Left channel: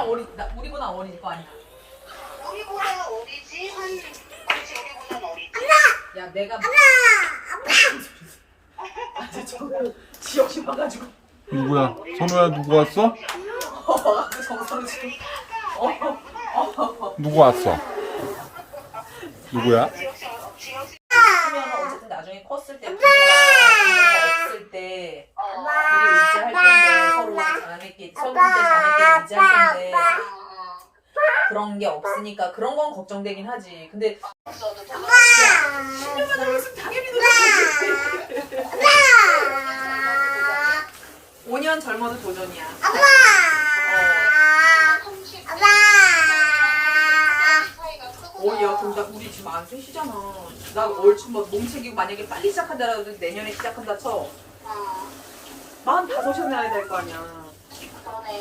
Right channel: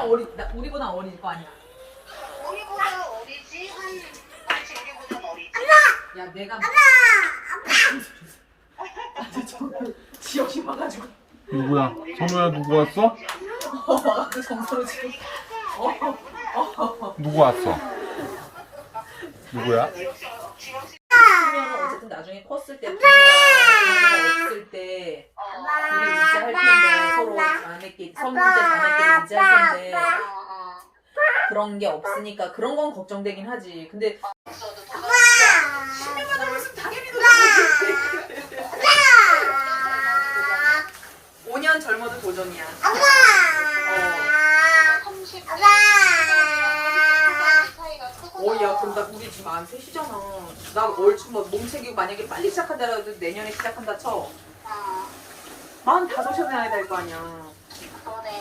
나이는 어리, 나, 우리보다 어릴 거 아니야. 우리보다 어리지? 한, 그렇지, 우리보다는 어리지. 야, 내가. 아, 저 지역이 와가지고. 누구야? 선우야 누구 왔어? 어, 와가지고 정서로 지금. 어, 어. 누구 왔어? 누구야? 지역시, 지역시. 그러면 어쨌든 나중에 컸을 때 부모가 없을 때 둘이 의지할 텐데 서로 자매끼리 성인제 자매끼리 의지할 텐데 그런 게 없으니까 그런 건 걱정되긴 하지. 근데 10년만 살았으면 당연히 거지. 5년 젊어도 도전이야. 어. 30 어, 야, 그럼 나 우리 지금 안 셋이잖아. 나 얼추 막 몸책이고 만약에 빨리 시작한다라도 내년에 시작한다 쳐. 어, 만 다섯이나 해야 될 거 아니야. 어.